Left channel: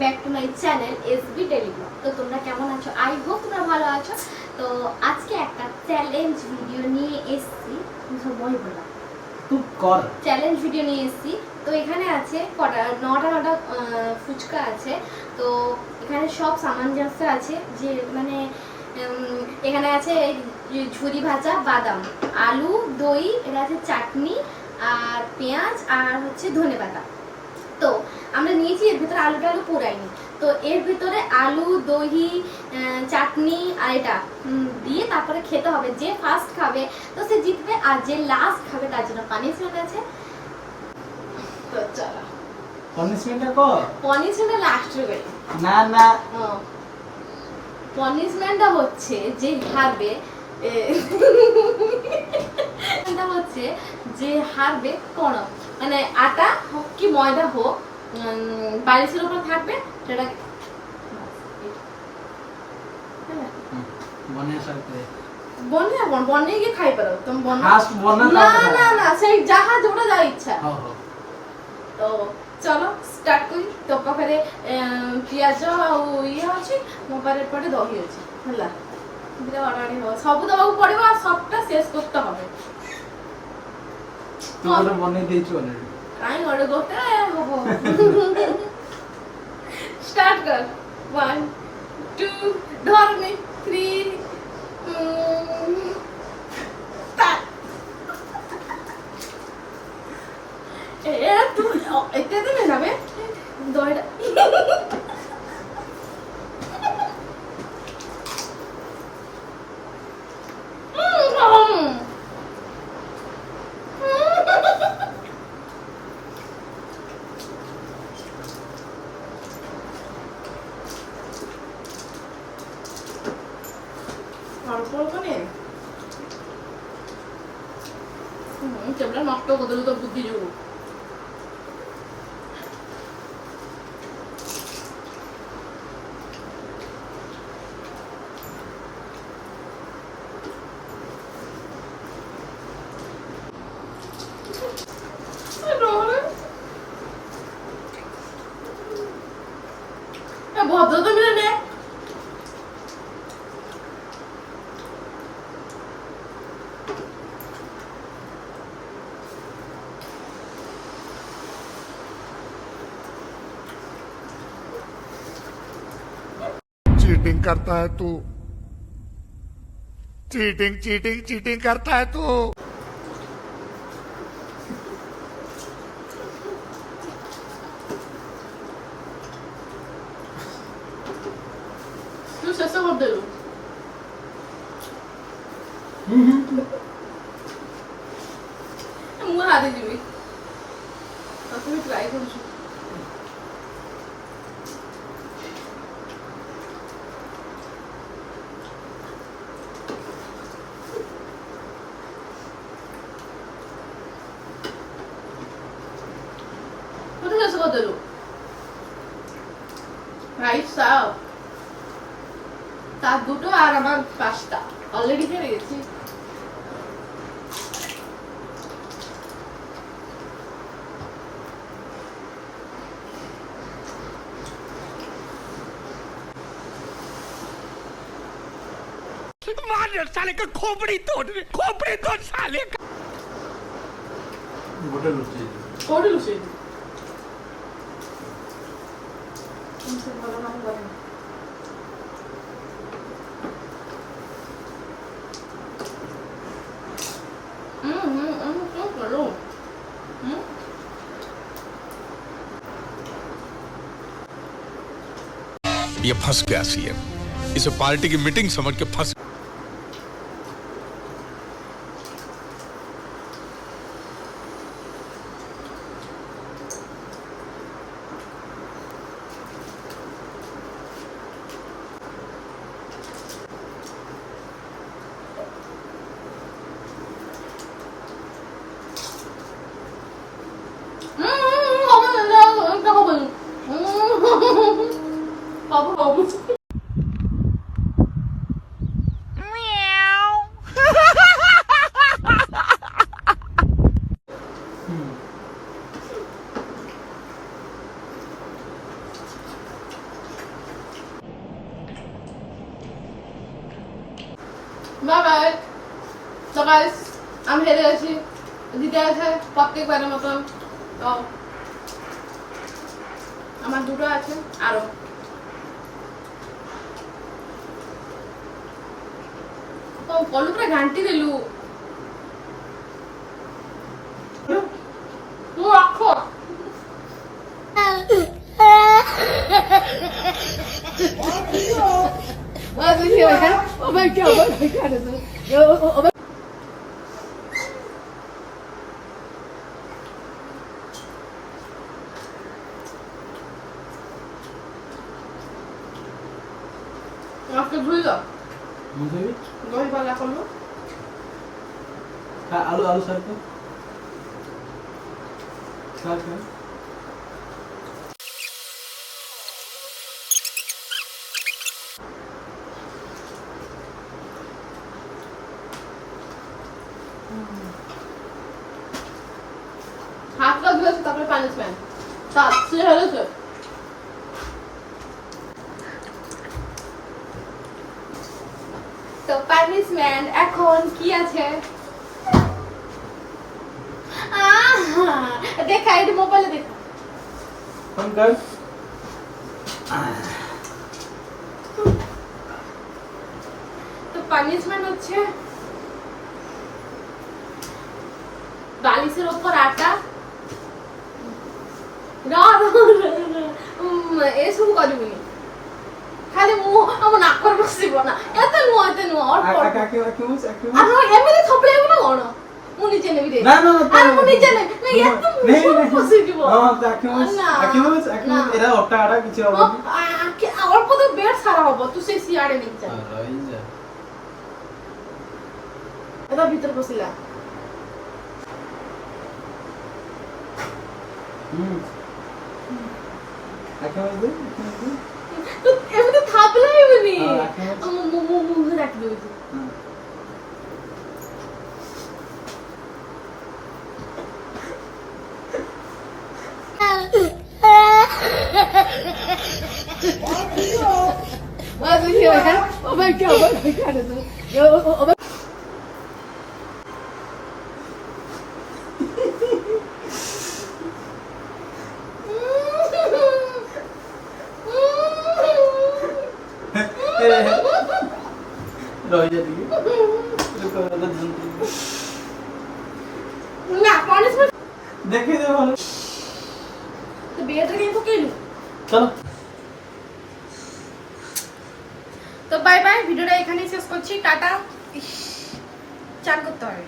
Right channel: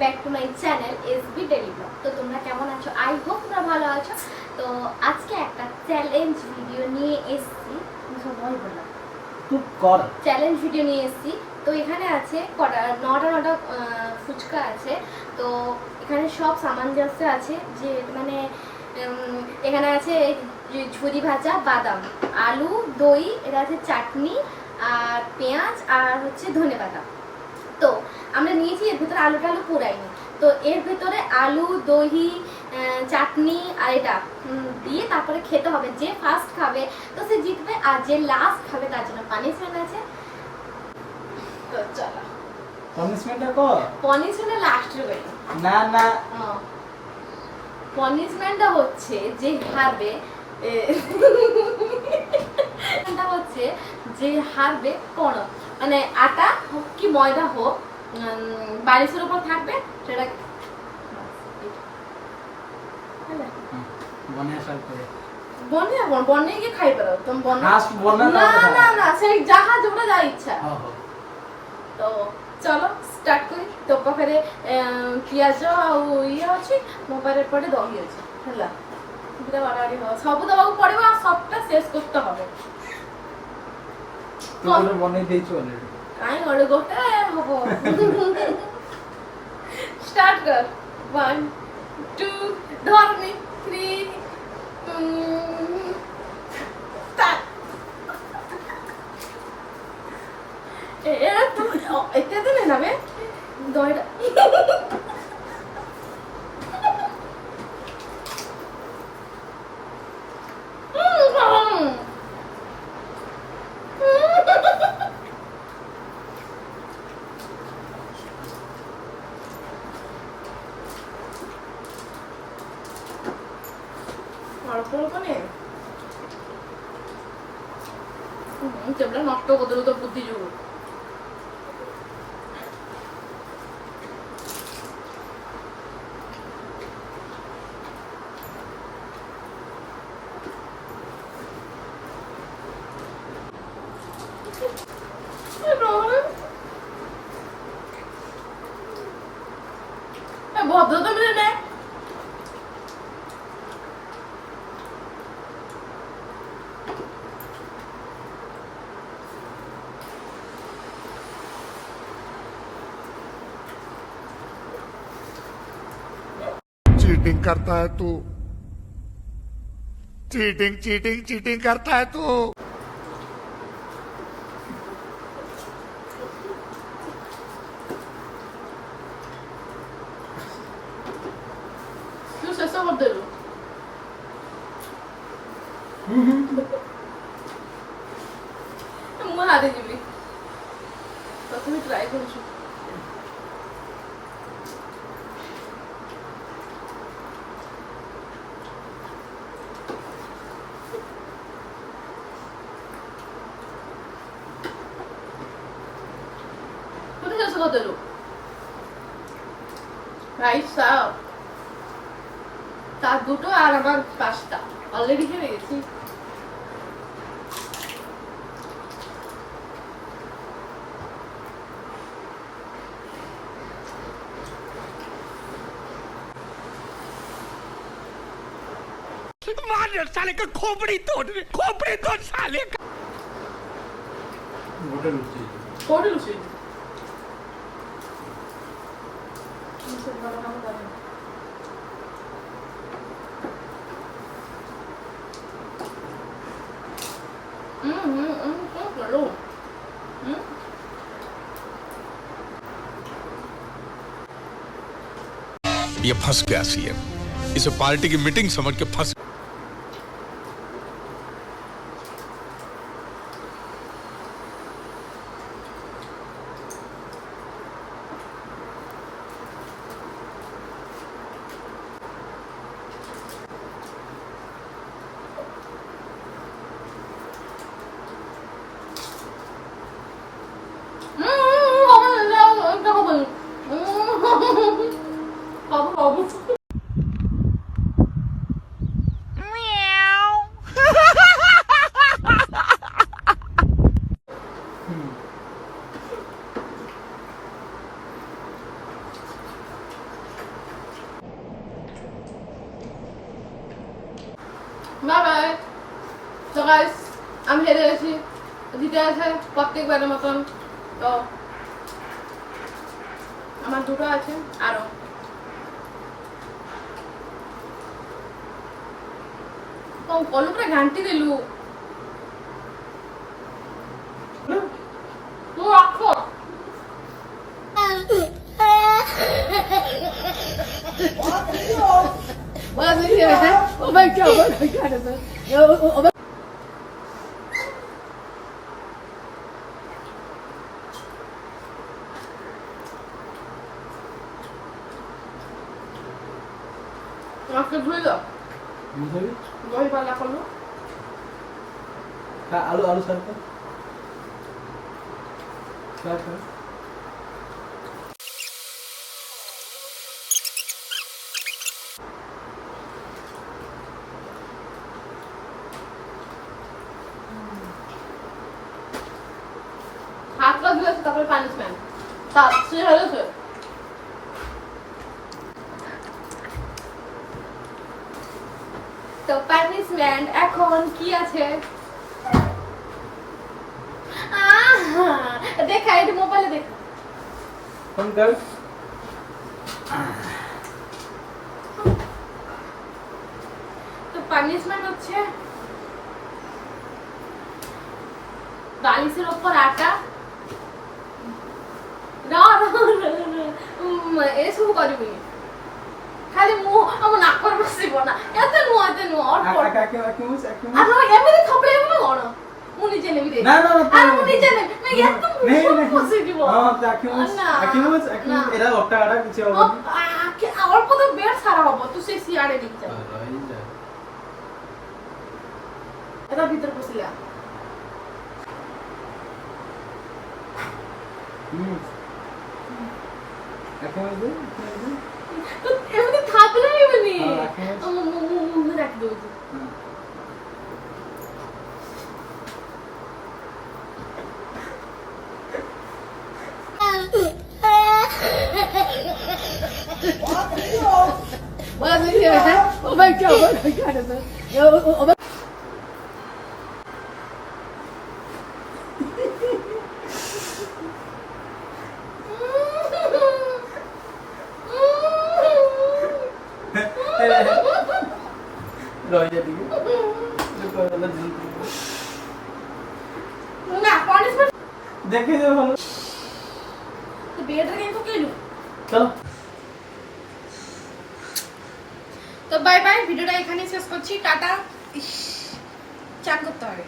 Back to my channel SB daily blog. তো তোমরা কেমন আছো? আই হোপ তোমরা ভালো আছো। তো আজকে একটা চ্যালেঞ্জ ভিডিও নিয়ে এসেছি। সবাই বললাম চুপ কর। চ্যালেঞ্জ ভিডিও নিয়ে এসেছি। তো এখানে আছে কটা নটা ফুচকা আছে। তো এখানে সব সামঞ্জস্য আছে, যে মানে এখানে আছে ঝুরি ভাজা, বাদাম, আলু, দই, এটা আছে চাটনি আর পেঁয়াজ আর হচ্ছে ধনেপাতা। তো আমরা নিয়েছি, এর ভিতরে আলু পোড়াইনি। তো এর ভিতরে আলু, দহি, চাটনি আর এটা দিয়ে তারপরে খেতে হবে। যে ফার্স্ট খাবে তো সে জিতবে, আর যে লাস্ট খাবে তার জন্য পানিশমেন্ট আছে। তো চলো পানিশমেন্টটা কর। পানিশমেন্ট লাস্টে হবে না না, পানিশমেন্টটা হচ্ছে যে হারবে, এটা হচ্ছে যে হারবে কোন মানে আটা হোক কি ময়দা হোক, বালিশের উপর থাকবে সেটা বনিয়া সাল করে বনে গিয়ে খাই পারো তুমি। ফার্স্ট বন্না না না না, সেই জাহাজ ওটা যা ইচ্ছা। তো চলো স্টার্ট করি। তো ପାଖରେ ପିଆଜ ଆଉ ଇଏ ଅଛି, ମୋ ପାଖରେ ଏପଟେ ଦହି ଅଛି ହେଲା। ଦୁଇଟା ବାଡ଼ାବାଡ଼ି ହବ, ସବୁ ଦବାକୁ ପଡ଼ିବ ଆଉ ସବଟା ଶେଷ করতে হবে। তোরে বনে ଦେଇଛୁ অলরেডি। କାଇଁ ଗୋଟେ ହବ। স্টার্ট কর। 1 2 ধরনি 3 স্টার্ট। তুমি এতে দিলে না বে দইটা। অল্প অল্প নে, টেবিলটা নষ্ট করে দিল তোর বুদ্ধি যোগ। ভদ্রতা মিলে নেয়। चीटिंग करता है तू, चीटिंग चीटिंग चीटिंग करता है तू। তুই শেষ করে দিলু। ମୁଁ ହାରିଯିବି, ତଥାପି ଟ୍ରାଏ କରୁଛୁ। কোথায় শেষ করে দিলু ভাই সাহ? তার দুটো আর আমার 5টা অলরেডি হেরে গেছি। मार साले का खोपड़ी तोड़ साले का। ওটা লুচি। কোটি লুচি ये फंस गया सीएम, इसे पार्टी की मीटिंग समझ के फंस। আমি হেরে গেছি, জিতে গেছে প্রত্যেকবারের মতন। তো আমার দুটো আছে আরো। তো কলু করে ঘান্টি দিলু, তুই রাখো। আজকে ভুল বুঝলি? দই পাল্লা করবো। হ্যাঁ, আলু আলু সার্ভ কর। সার্ভ কর। হাত লাগবে তারপরে পানিশমেন্ট সাপ সে হয়েছে। তো পানিশমেন্ট এখন কি আছে? দেখা এটা মোবাইলে দেখো। ফোন কর। তো পানিশমেন্ট হচ্ছে বালিশের ওপর আটা। এসবু করবি খালি মুহ আমার নাক করে বসিব না, এত নুয়া এত নুয়া অল্প অল্প। আর এমনি থপড়ে এমন কোন মু নিজে নেবি রে। না না আর মু নিজে নেবি না, এত মুহ বসি দিব না। এরা ওটা আড়া কিছু হবে না। অল্প তো বেড সারা হবো, তুই সেই সিয়াড়ে নিয়ে যা। এটা ভিতর বসিলা। তো এমনি থাকলে এমনি আমার মুখে রাখি দেবো। না পানিশমেন্ট দেখে দে ভালো। তো বেডটা কিন্তু কেলু। চলো। তো বাই বাই, ভিডিওটা এখানেই শেষ করছি, টাটা। চান করতে হবে।